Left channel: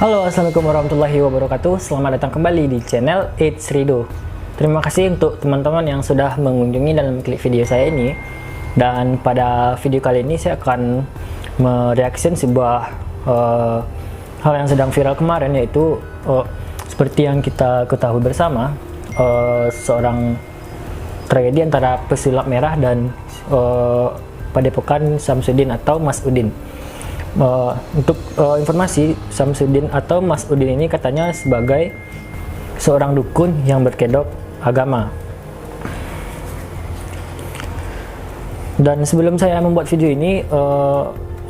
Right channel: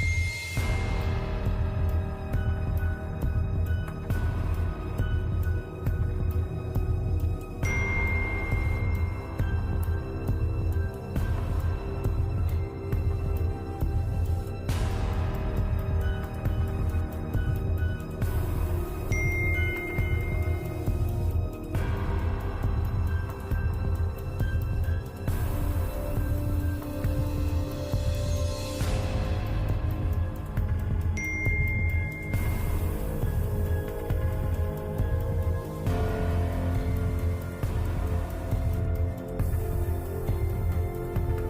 Halo, assalamualaikum warahmatullahi wabarakatuh. Selamat datang kembali di channel It's Rido. Terima kasih untuk teman-teman yang sudah mengunjungi dan mengklik video saya ini. Dan pada video kali ini saya akan mereaction sebuah hal yang sedang viral kemarin, yaitu seperti yang kita ketahui bersama, seorang tragedi antara pesulap merah dan Padepokan Samsudin atau Mas Udin. Untuk informasi, Samsudin atau Mas Udin ini katanya sebagai seorang dukun yang berkedok agama. Dan sebelum saya membuat video ini,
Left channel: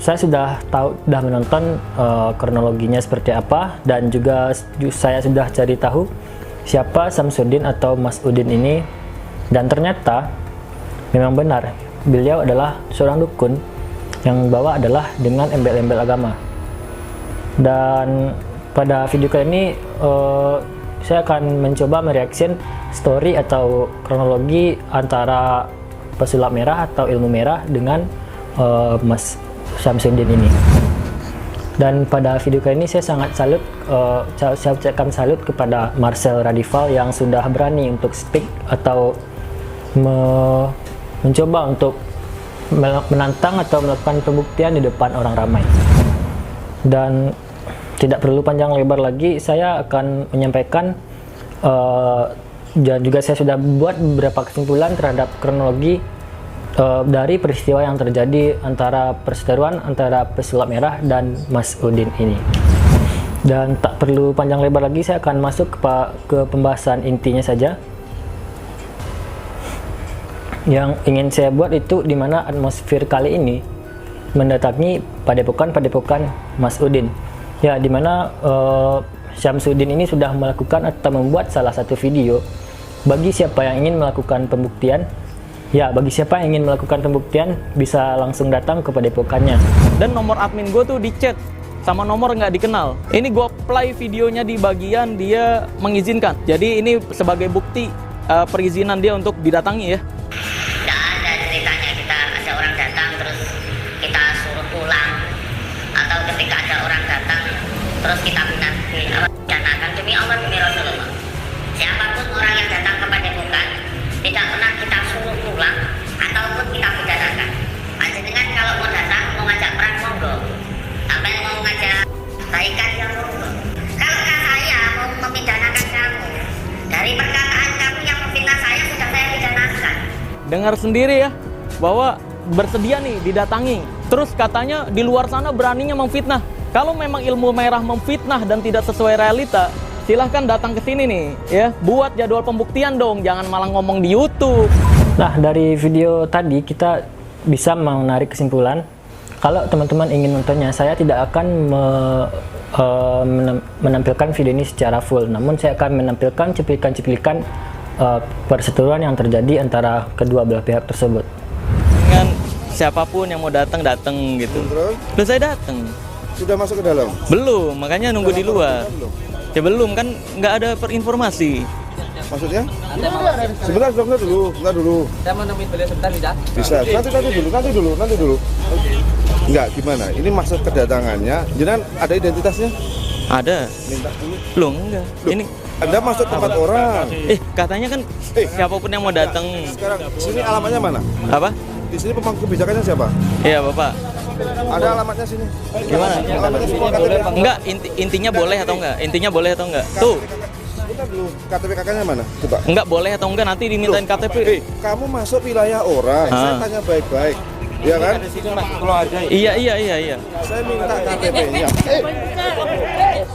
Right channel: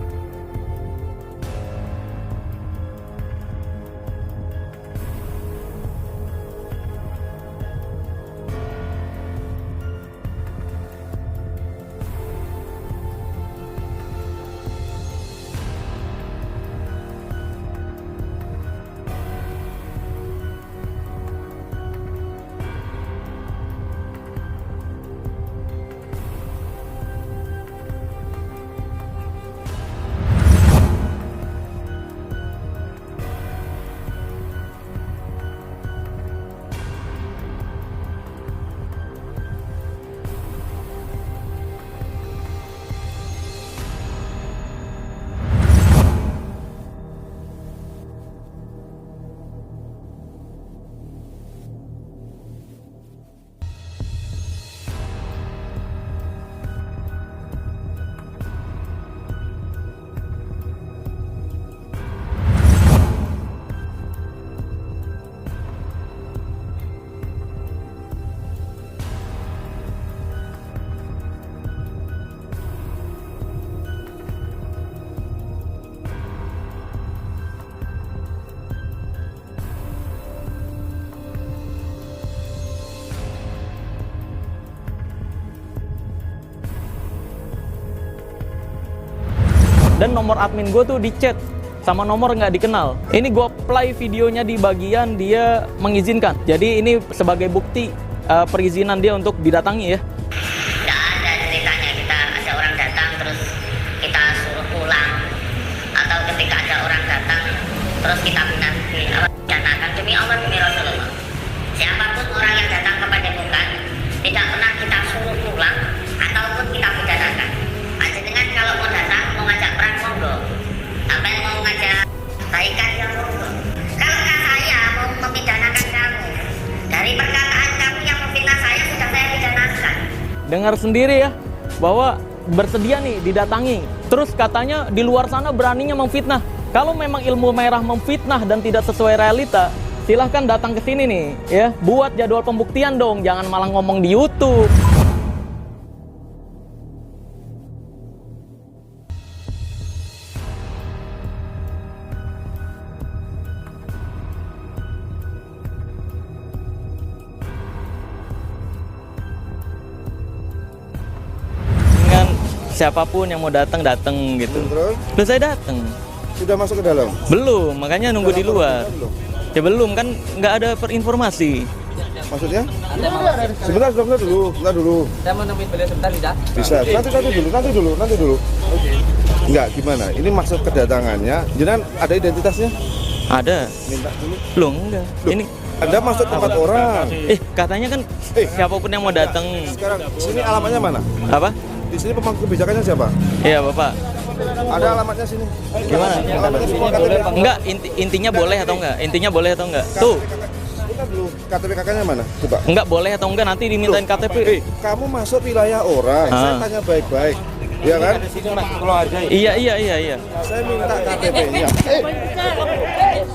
saya sudah menonton kronologinya seperti apa, dan juga saya sudah cari tahu siapa Samsudin atau Mas Udin ini, dan ternyata memang benar beliau adalah seorang dukun yang bawa adalah dengan embel-embel agama. Dan pada video kali ini saya akan mencoba mereaction story atau kronologi antara pesulap merah atau ilmu merah dengan Mas Samsudin ini. Dan pada video kali ini saya sangat salut, saya ucapkan salut kepada Marcel Radival yang sudah berani untuk speak atau mencoba untuk menantang atau melakukan pembuktian di depan orang ramai. Dan tidak perlu panjang lebar lagi, saya akan menyampaikan dan juga saya sudah buat beberapa kesimpulan terhadap kronologi dari peristiwa yang terjadi antara perseteruan antara pesulap merah dan Mas Udin ini. Dan tak perlu panjang lebar lagi, saya akan masuk ke pembahasan intinya saja. Yang ingin saya buat itu dimana atmosfer kali ini mendatangi padepokan Mas Udin, ya, dimana Samsudin ini sudah melakukan atau membuat salah satu video. Bagi siapa yang ingin melakukan pembuktian, bisa langsung datang ke padepokannya. Dan nomor admin gue tuh di chat sama nomor nggak dikenal. Ini gue play videonya di bagian dia mengizinkan. Jadi ini sebagai bukti perizinan dia untuk didatangi, ya. Terus kita pidanakan demi Allah, demi Rasulullah. Siapapun orang yang datang ke padepokan tidak pernah kita suruh pulang ataupun kita pidanakan. Panjenengan kalau mau datang, mau ngajak perang, monggo. Sampai mau ngajak baikan, ya monggo. Kalau saya mau memidanakan kamu, dari perkataan kamu yang memfitnah saya sudah saya pidanakan. Dengar sendiri ya, bahwa bersedia nih didatangi. Terus katanya di luar sana beraninya memfitnah. Kalau memang ilmu merah memfitnah dan tidak sesuai realita, silahkan datang ke sini nih, ya. Buat jadwal pembuktian dong, jangan malah ngomong di YouTube. Nah, dari video tadi kita bisa menarik kesimpulan kalau teman-teman ingin nontonnya, saya tidak akan menampilkan video ini secara full, namun saya akan menampilkan cuplikan-cuplikan perseteruan yang terjadi antara kedua belah pihak tersebut. Dengan siapapun yang mau datang gitu. Terus saya datang. Sudah masuk ke dalam? Belum, makanya nunggu di luar. Ya belum, kan nggak ada informasi. Maksudnya? Sebentar dulu. Saya mau nemuin beliau sebentar, bisa? Bisa, nanti dulu. Enggak, gimana? Ini maksud kedatangannya, jangan ada identitasnya? Ada. Minta dulu. Belum, enggak. Loh, ini Anda masuk tempat orang. Katanya kan siapapun yang mau datang. Sekarang, sini alamatnya mana? Apa? Di sini pemangku kebijakannya siapa? Iya, Bapak. Ada alamatnya sini. Gimana? Alamatnya semua KTP. Enggak, intinya boleh atau enggak? Intinya boleh atau enggak? Tuh. Bentar dulu, KTP kakaknya mana? Coba. Enggak boleh atau enggak, nanti dimintain KTP. Kamu masuk wilayah orang, saya tanya baik-baik. Iya kan? Iya. Saya minta KTP-nya.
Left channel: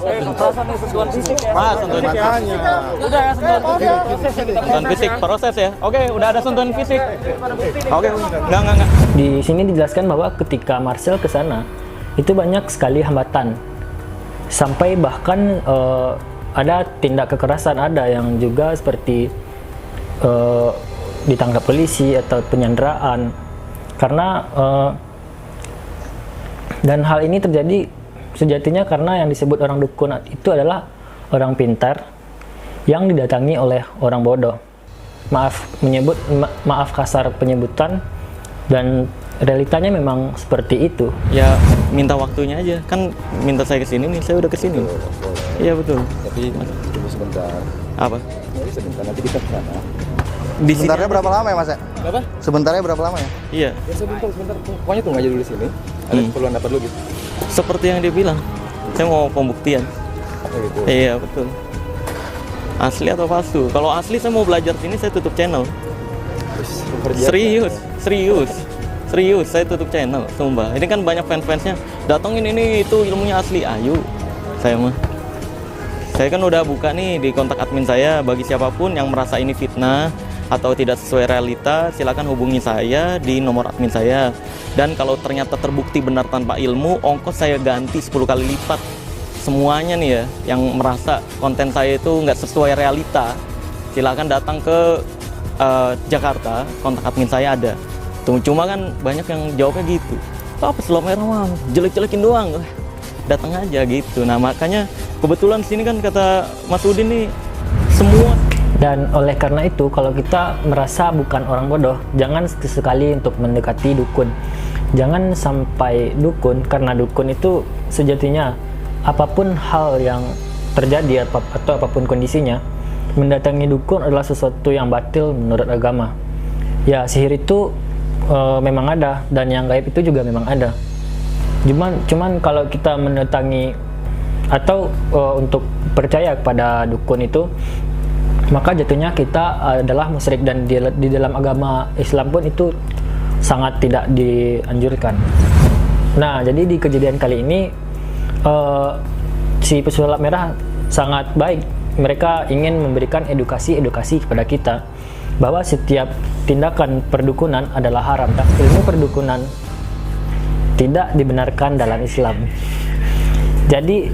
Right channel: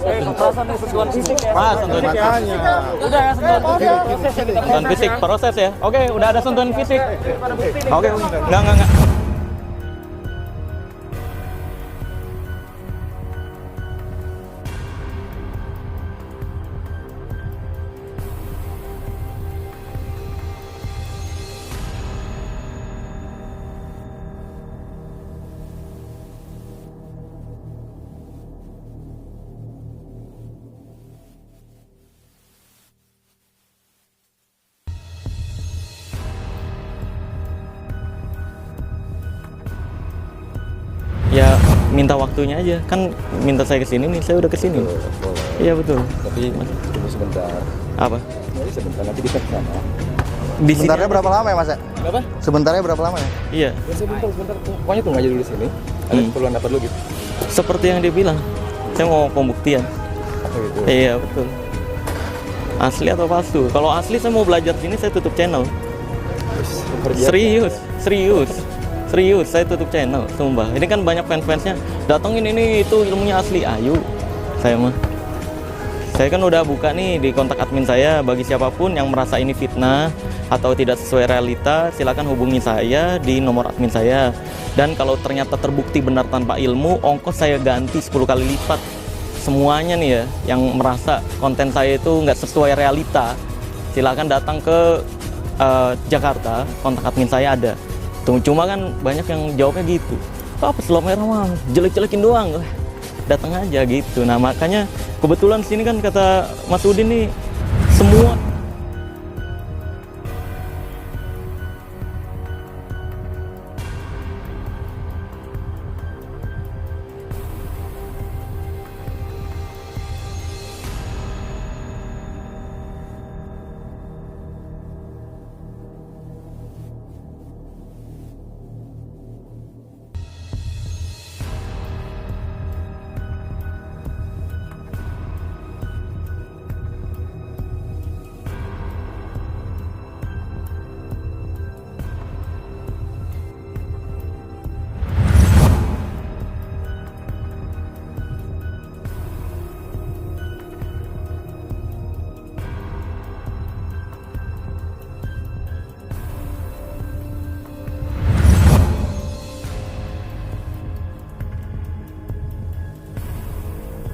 Sentuhan fisik ya. Mas, sentuhan Makanya. udah ya, sentuhan fisik proses ya. Oke, udah ada sentuhan fisik. Oke, enggak. Di sini dijelaskan bahwa ketika Marcel ke sana itu banyak sekali hambatan, sampai bahkan ada tindak kekerasan, ada yang juga seperti ditangkap polisi atau penyanderaan karena dan hal ini terjadi sejatinya karena yang disebut orang dukun itu adalah orang pintar yang didatangi oleh orang bodoh. Maaf kasar penyebutan, dan realitanya memang seperti itu. Ya minta waktunya aja, kan minta saya kesini nih, saya udah kesini. Iya betul. Tapi tunggu sebentar. Apa? Ya, sebentar nanti kita ke sana. Di sini Sebentarnya berapa lama ya Mas ya? Berapa? Sebentarnya berapa lama ya? Iya. Ya sebentar. Pokoknya tunggu aja dulu di sini. Ada keperluan apa dulu gitu. Seperti yang dia bilang, saya mau pembuktian. Oh gitu. Iya betul. Asli atau palsu? Kalau asli saya mau belajar sini, saya tutup channel. Serius, saya tutup channel, sumpah. Ini kan banyak fans-fansnya, datengin ini itu ilmunya asli. Ayo, saya kan udah buka nih di kontak admin saya. Bagi siapapun yang merasa ini fitnah atau tidak sesuai realita, silakan hubungi saya di nomor admin saya. Dan kalau ternyata terbukti benar tanpa ilmu, ongkos saya ganti 10 kali lipat. Semuanya nih ya, yang merasa konten saya itu nggak sesuai realita, silakan datang ke Jakarta, kontak admin saya ada. Cuma kan banyak yang jawabnya gitu, apa Selau Merah mah jelek-jelekin doang, datang aja gitu. Nah makanya kebetulan sini kan kata Mas Udin nih semua. Dan oleh karena itu, kalau kita merasa bukan orang bodoh, jangan sekali untuk mendekati dukun. Jangan sampai dukun, karena dukun itu sejatinya apapun hal yang terjadi atau apapun kondisinya, mendatangi dukun adalah sesuatu yang batil menurut agama. Ya, sihir itu memang ada, dan yang gaib itu juga memang ada. Cuman kalau kita mendatangi atau untuk percaya kepada dukun itu, maka jatuhnya kita adalah musyrik, dan di dalam agama Islam pun itu sangat tidak dianjurkan. Nah, jadi di kejadian kali ini si pesulap merah sangat baik. Mereka ingin memberikan edukasi kepada kita bahwa setiap tindakan perdukunan adalah haram, dan ilmu perdukunan tidak dibenarkan dalam Islam. Jadi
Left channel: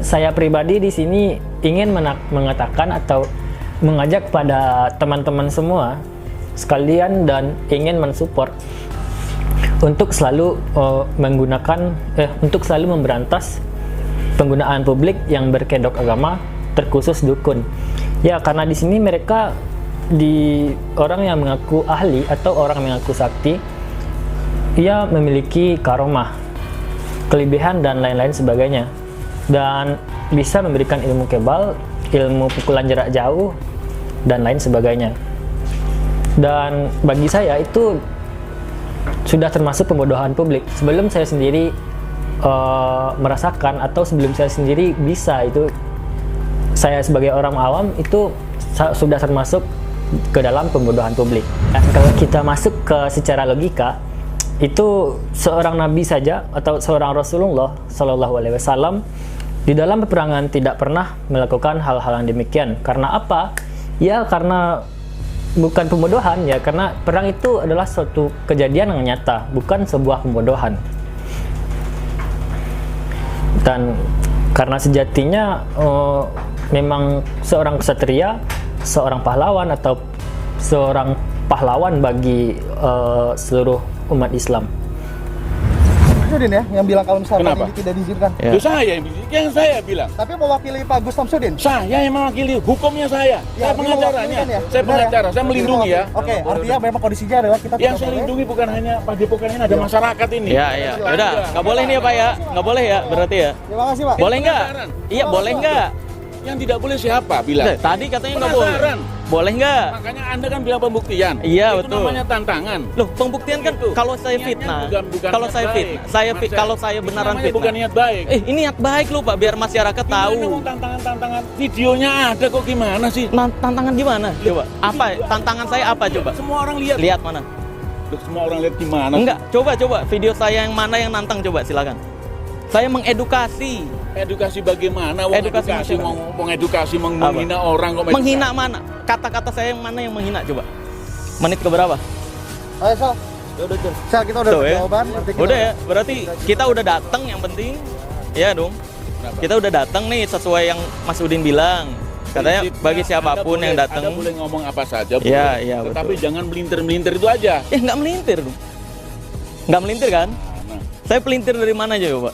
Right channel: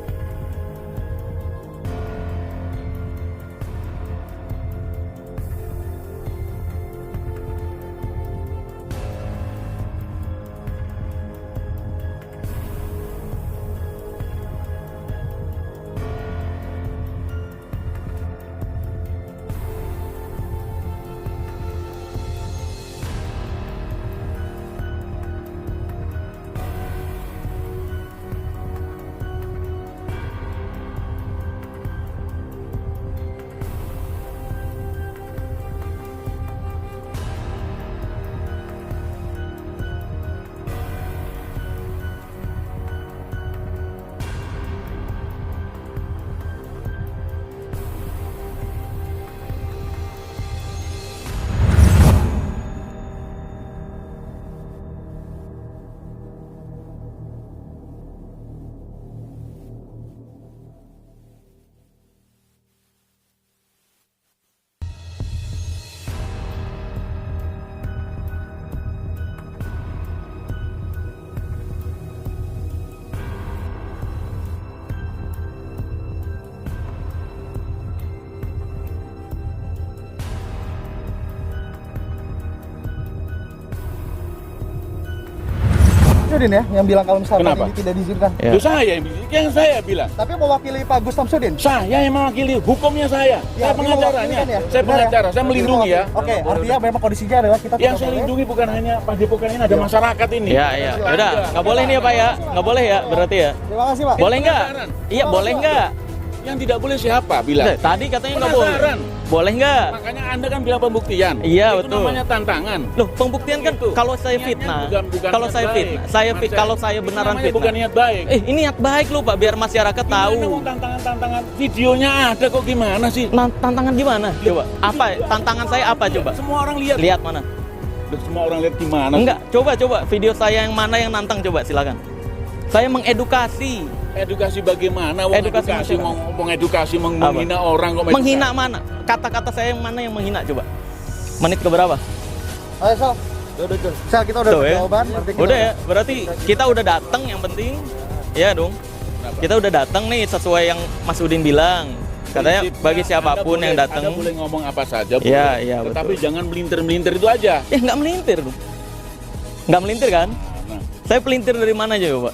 saya pribadi di sini ingin mengatakan atau mengajak kepada teman-teman semua sekalian dan ingin mensupport untuk selalu untuk selalu memberantas penggunaan publik yang berkedok agama, terkhusus dukun. Ya, karena di sini mereka orang yang mengaku ahli atau orang yang mengaku sakti, ia memiliki karomah, kelebihan dan lain-lain sebagainya, dan bisa memberikan ilmu kebal, ilmu pukulan jarak jauh dan lain sebagainya. Dan bagi saya itu sudah termasuk pembodohan publik. Sebelum saya sendiri merasakan atau sebelum saya sendiri bisa, itu saya sebagai orang awam itu sudah termasuk ke dalam pembodohan publik. Dan kalau kita masuk ke secara logika, itu seorang nabi saja atau seorang Rasulullah Shallallahu Alaihi Wasallam di dalam peperangan tidak pernah melakukan hal-hal yang demikian. Karena apa? Ya karena bukan pembodohan, ya karena perang itu adalah suatu kejadian yang nyata, bukan sebuah pembodohan. Dan karena sejatinya memang seorang ksatria, seorang pahlawan atau seorang pahlawan bagi seluruh umat Islam. Samsudin ya yang bilang kalau misalkan Kenapa? ini tidak diizinkan. Ya. Itu saya yang saya bilang. Tapi mewakili Pak Gus Samsudin. Saya yang mewakili, hukumnya saya. Ya, Saya pengacaranya. mewakili kan ya? Saya Benar pengacara, ya? saya melindungi ya. Oke, artinya memang kondisinya adalah kita Yang tidak saya boleh. lindungi bukan hanya Padepokan ini, ada masyarakat ini. Ya, udah, nggak boleh nih ya Pak ya, nggak boleh ya berarti ya. Terima kasih Pak. Boleh nggak? Iya, boleh nggak? Yang tidak boleh siapa bilang? Tadi katanya nggak boleh. Penasaran. Boleh nggak? Makanya Anda kan bilang pembuktian. Iya, itu betul. namanya tantangan. Loh, pembuktian kan Itu. kalau saya Niatnya fitnah, bukan kalau niat saya baik. fitnah, kalau saya Itu beneran namanya fitnah. bukan niat baik. Ini niat baik loh Pak, biar masyarakat Gimana tahu. mau tantangan-tantangan videonya ada kok gimana sih? Tantangan gimana? Coba. Apa? Tantangan saya apa coba? Semua orang lihat. Lihat mana? Loh, semua orang lihat gimana? Enggak, coba video saya yang mana yang nantang coba silakan. Saya mengedukasi. Edukasi bagaimana? Wong Edukasi edukasi, masyarakat. mengedukasi, menghina orang kok Menghina mana? Kata-kata saya yang mana yang menghina coba? Menit ke berapa? Ayo Sal. Sal, kita udah Tuh, ya. jawaban. Berarti kita Udah ya, berarti kita udah datang yang penting. Ya dong. Kita udah datang nih sesuai yang Mas Udin bilang. Katanya Prinsipnya, bagi siapapun Anda yang boleh- datang. Anda boleh ngomong apa saja, Iya, boleh. iya, Tetapi betul. jangan melintir-melintir itu aja. Ya nggak melintir dong. Nggak melintir kan? Nah, Saya pelintir dari mana aja coba?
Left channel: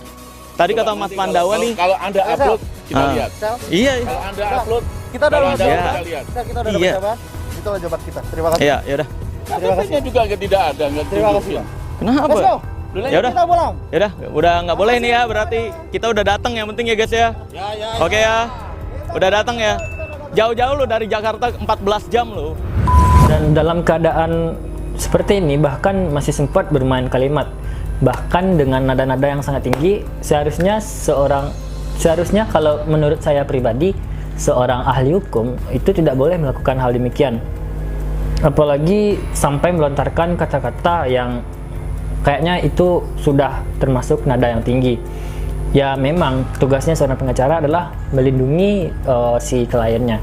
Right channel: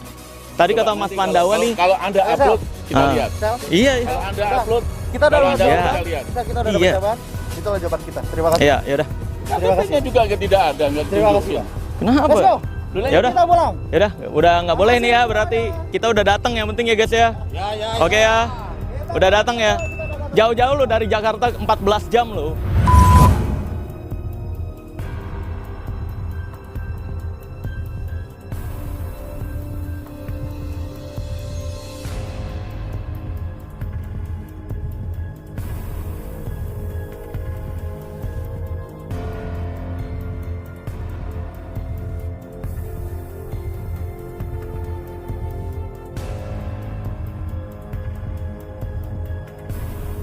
Tadi coba kata Mas nanti Pandawa kalau- nih. Kalau Anda Ayo, upload, kita Ah. lihat. Sal. Iya. Kalau Anda Sal, upload, kita udah kalau dapat Anda jawaban. kita lihat. Sal, kita udah dapat Iya. jawaban. Itulah jawaban kita. Terima kasih. Iya, ya udah. Terima kasih. KTP-nya juga tidak ada, nggak Terima kasih, tunjukin. Pak. Kenapa? Let's go. Ya udah. Kita pulang. Ya udah nggak boleh nih ya, berarti kita udah datang yang penting ya guys ya. Oke ya. Udah datang ya. Jauh-jauh lo dari Jakarta 14 jam lo. Dan dalam keadaan seperti ini bahkan masih sempat bermain kalimat, bahkan dengan nada-nada yang sangat tinggi. Seharusnya kalau menurut saya pribadi, seorang ahli hukum itu tidak boleh melakukan hal demikian, apalagi sampai melontarkan kata-kata yang kayaknya itu sudah termasuk nada yang tinggi. Ya memang tugasnya seorang pengacara adalah melindungi si kliennya,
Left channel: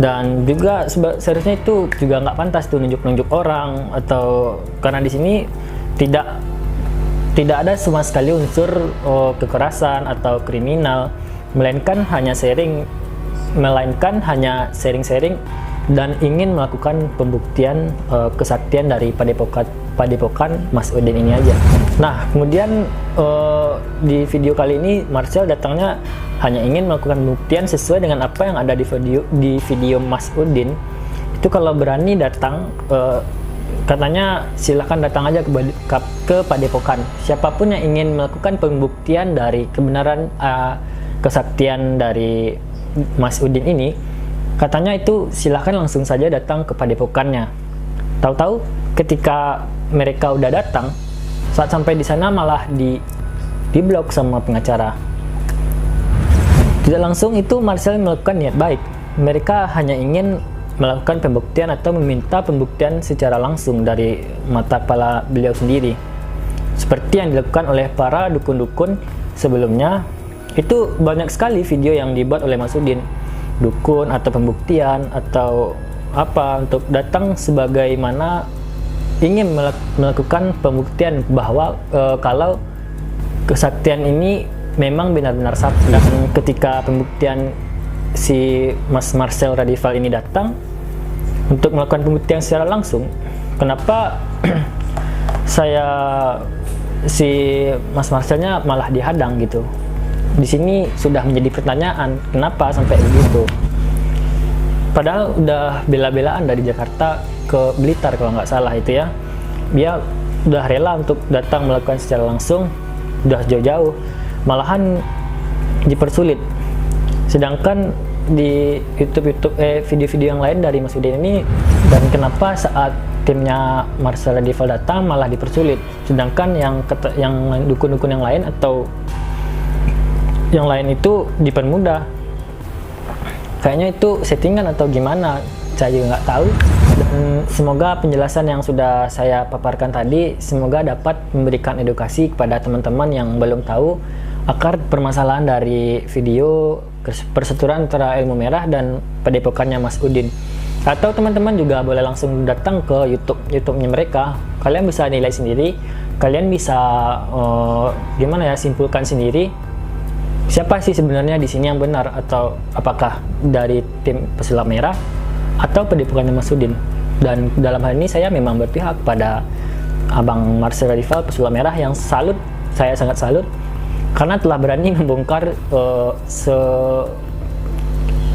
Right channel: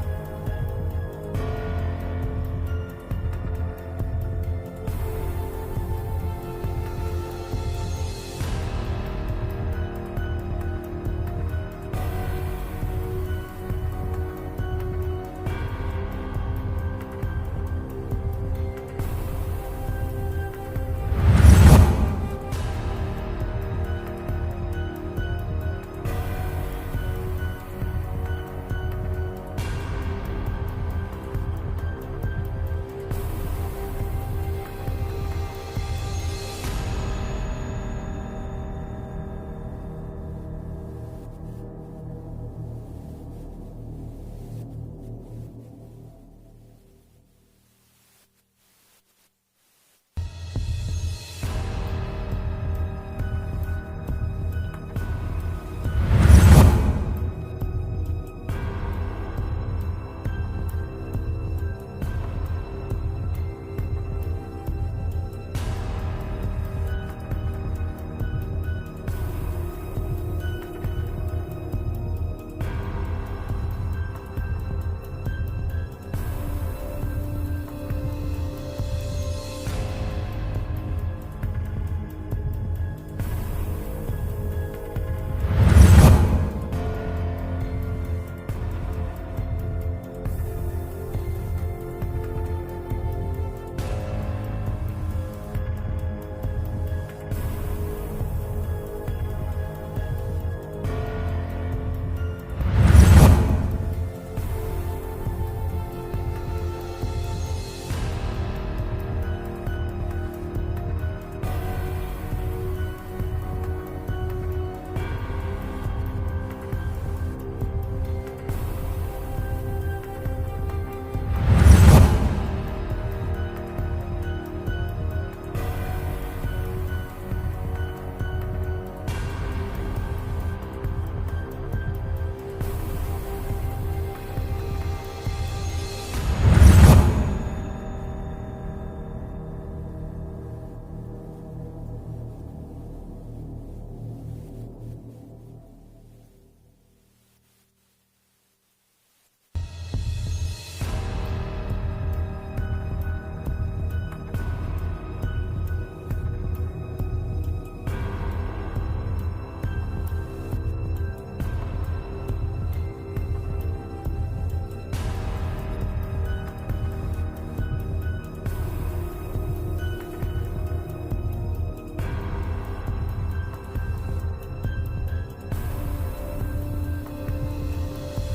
dan juga seharusnya itu juga nggak pantas tuh nunjuk-nunjuk orang, atau karena di sini tidak ada sama sekali unsur kekerasan atau kriminal, melainkan hanya sharing-sharing dan ingin melakukan pembuktian kesaktian dari padepokan Mas Udin ini aja. Nah, kemudian di video kali ini Marcel datangnya hanya ingin melakukan pembuktian sesuai dengan apa yang ada di video Mas Udin. Itu kalau berani datang, katanya silakan datang aja ke padepokan. Siapapun yang ingin melakukan pembuktian dari kebenaran kesaktian dari Mas Udin ini, katanya itu silahkan langsung saja datang ke padepokannya. Tahu-tahu ketika mereka udah datang, saat sampai di sana malah diblok sama pengacara. Tidak langsung itu Marcel melakukan niat baik. Mereka hanya ingin melakukan pembuktian atau meminta pembuktian secara langsung dari mata kepala beliau sendiri, seperti yang dilakukan oleh para dukun-dukun sebelumnya. Itu banyak sekali video yang dibuat oleh Mas Udin, dukun atau pembuktian atau apa, untuk datang sebagaimana ingin melakukan pembuktian bahwa kalau kesaktian ini memang benar-benar sakti. Dan ketika pembuktian si Mas Marcel Radival ini datang untuk melakukan pembuktian secara langsung, kenapa si Mas Marcelnya malah dihadang gitu? Di sini sudah menjadi pertanyaan, kenapa sampai begitu? Padahal udah bela-belaan dari Jakarta ke Blitar kalau nggak salah itu ya. Dia udah rela untuk datang melakukan secara langsung, udah jauh-jauh, malahan dipersulit. Sedangkan di video-video yang lain dari Mas Udin ini, dan kenapa saat timnya Marcel Radival datang malah dipersulit, sedangkan yang dukun-dukun yang lain atau yang lain itu dipermudah. Kayaknya itu settingan atau gimana, saya juga nggak tahu. Dan semoga penjelasan yang sudah saya paparkan tadi semoga dapat memberikan edukasi kepada teman-teman yang belum tahu akar permasalahan dari video persetujuan antara Ilmu Merah dan padepokannya Mas Udin. Atau teman-teman juga boleh langsung datang ke YouTube-nya mereka. Kalian bisa nilai sendiri, kalian bisa simpulkan sendiri siapa sih sebenarnya di sini yang benar, atau apakah dari tim Pesulap Merah atau padepokannya Mas Udin. Dan dalam hal ini saya memang berpihak pada Abang Marcel Radival Pesulap Merah yang saya sangat salut karena telah berani membongkar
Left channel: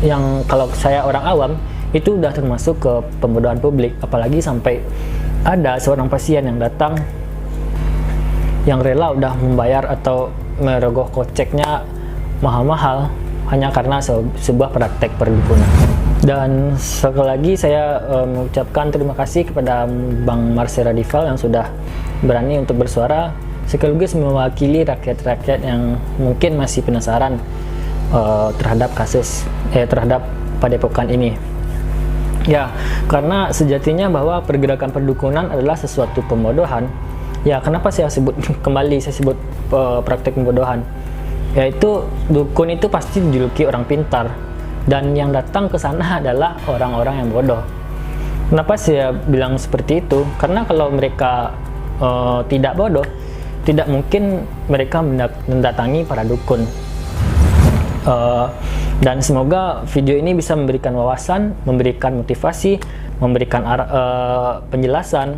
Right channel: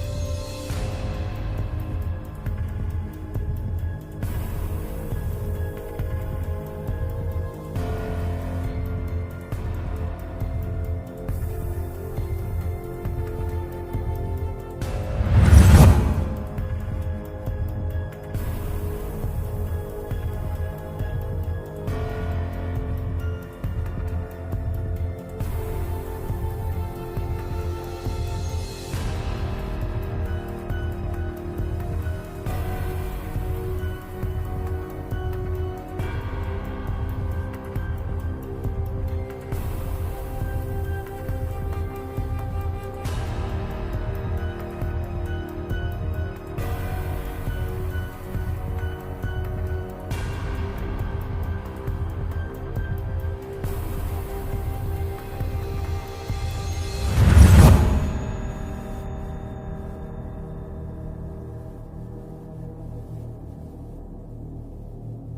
yang kalau saya orang awam itu udah termasuk ke pembodohan publik, apalagi sampai ada seorang pasien yang datang yang rela udah membayar atau merogoh koceknya mahal-mahal hanya karena sebuah praktek perdukunan. Dan sekali lagi saya mengucapkan terima kasih kepada Bang Marcel Radival yang sudah berani untuk bersuara sekaligus mewakili rakyat-rakyat yang mungkin masih penasaran terhadap terhadap padepokan ini. Ya, karena sejatinya bahwa pergerakan perdukunan adalah sesuatu pembodohan. Ya, kenapa saya sebut praktek pembodohan? Yaitu dukun itu pasti dijuluki orang pintar, dan yang datang ke sana adalah orang-orang yang bodoh. Kenapa saya bilang seperti itu? Karena kalau mereka tidak bodoh, tidak mungkin mereka mendatangi para dukun. Dan semoga video ini bisa memberikan wawasan, memberikan motivasi, memberikan penjelasan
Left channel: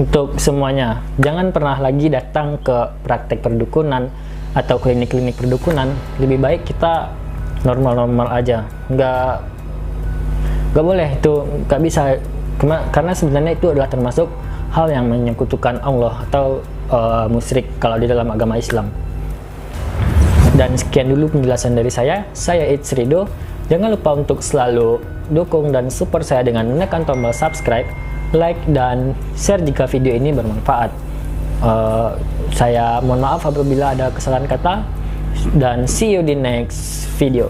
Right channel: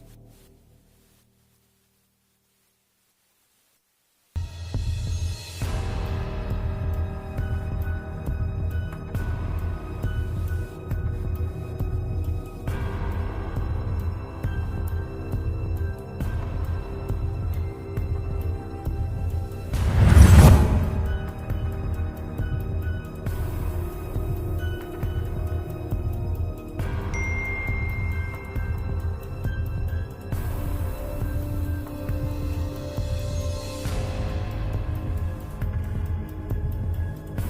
untuk semuanya. Jangan pernah lagi datang ke praktek perdukunan atau klinik-klinik perdukunan. Lebih baik kita normal-normal aja. Nggak boleh itu, nggak bisa, karena sebenarnya itu adalah termasuk hal yang menyekutukan Allah atau musyrik kalau di dalam agama Islam. Dan sekian dulu penjelasan dari saya It's Rido. Jangan lupa untuk selalu dukung dan support saya dengan menekan tombol subscribe, like, dan share jika video ini bermanfaat. Saya mohon maaf apabila ada kesalahan kata, dan see you di next video.